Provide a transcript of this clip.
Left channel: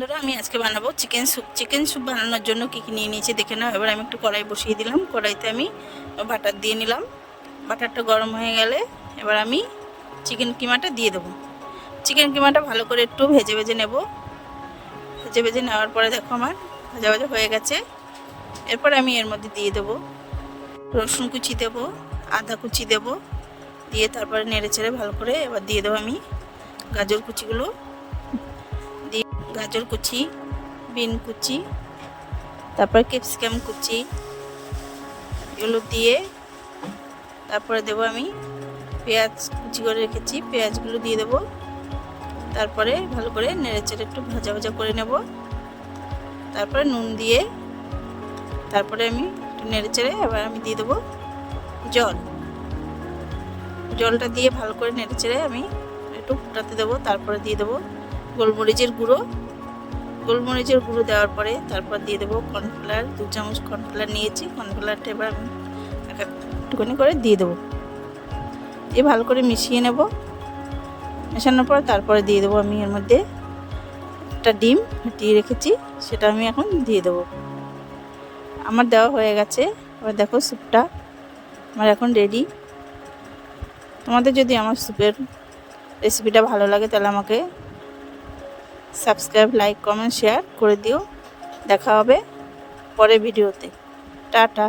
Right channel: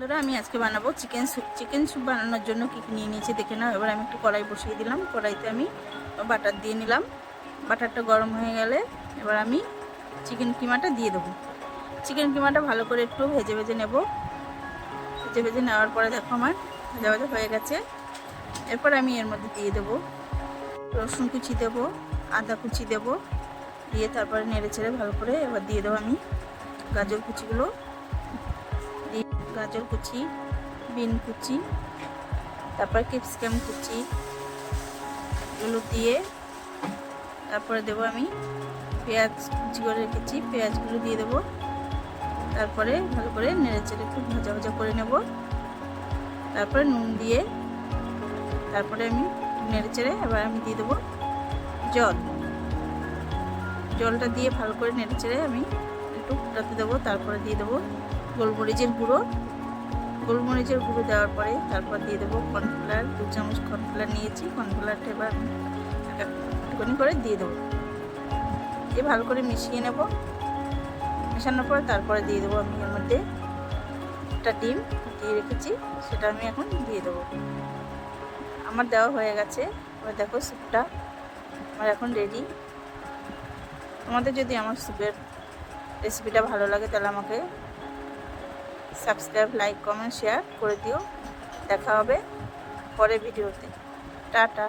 আমি আজকে বানাবো চিকেন স্যুপ। চিকেন স্যুপ বানানোর জন্য কী কী নিয়ে নিয়েছি দেখে নাও। এবার আমি একটু কড়াই বসিয়ে দিলাম। কড়াইতে আমি বাটার দিয়ে নিলাম। বাটারটা গরম হয়ে গেলে এবার আমি চিকেন কিমাটা দিয়ে দেবো। চিকেন কিমাটা ভালো করে একটু ভেজে ভেজে নেব। ভেজে ভেজে নেওয়ার পরে দেখো আমার ভাজা ভাজা হয়ে গেছে। এরপর আমি এর মধ্যে দিয়ে দেবো রসুন কুচি, দেবো আদা কুচি, দেবো দিয়ে তারপরে নেড়ে চেড়ে ভালো করে এবার দিয়ে দেবো আমি গাজর কুচিগুলো দিয়ে, গাজর কুচি, বিন কুচি, তারপর ক্যাপসিকাম কুচি, এগুলো দিয়ে তারপরে দেবো আমি পেঁয়াজ কুচি করে রেখেছি, পেঁয়াজগুলো দিয়ে দেবো। তারপরে ভালো করে নেড়ে চেড়ে একটু ভাজা ভাজা করে নেব। তারপরে নুন দিয়ে তারপরে আমি একটু নেড়ে চেড়ে এবার আমি দিয়ে দেবো জলটা দিয়ে ভালো করে নেড়ে চেড়ে আমি একটু ফুটাতে দেবো। তারপরে দিয়ে দেবো গোলমরিচের গুঁড়ো দেওয়ার পরে তারপর দিয়ে দেবো কর্নফ্লাওয়ার, 2 চামচ কর্নফ্লাওয়ার নিয়েছি। কর্নফ্লাওয়ারটা এবার একটুখানি করে দিয়ে দেবো, দিয়ে ভালো করে মিশিয়ে নেব। মেশানোর পর তারপরে দিয়ে দেবো আমি এর মধ্যে একটা ডিম ফাটিয়ে রেখেছি, সেটা আমি এখন দিয়ে দেবো। আমার দেওয়া হয়ে গেছে। এবার দেখো স্যুপটা আমার এখন রেডি। তোমাদের যদি আমার স্যুপের রেসিপিটা ভালো লাগে তাহলে আমাকে সাবস্ক্রাইব, লাইক, কমেন্ট, শেয়ার করে দিও। দেখা হবে পরের ভিডিওতে। টাটা।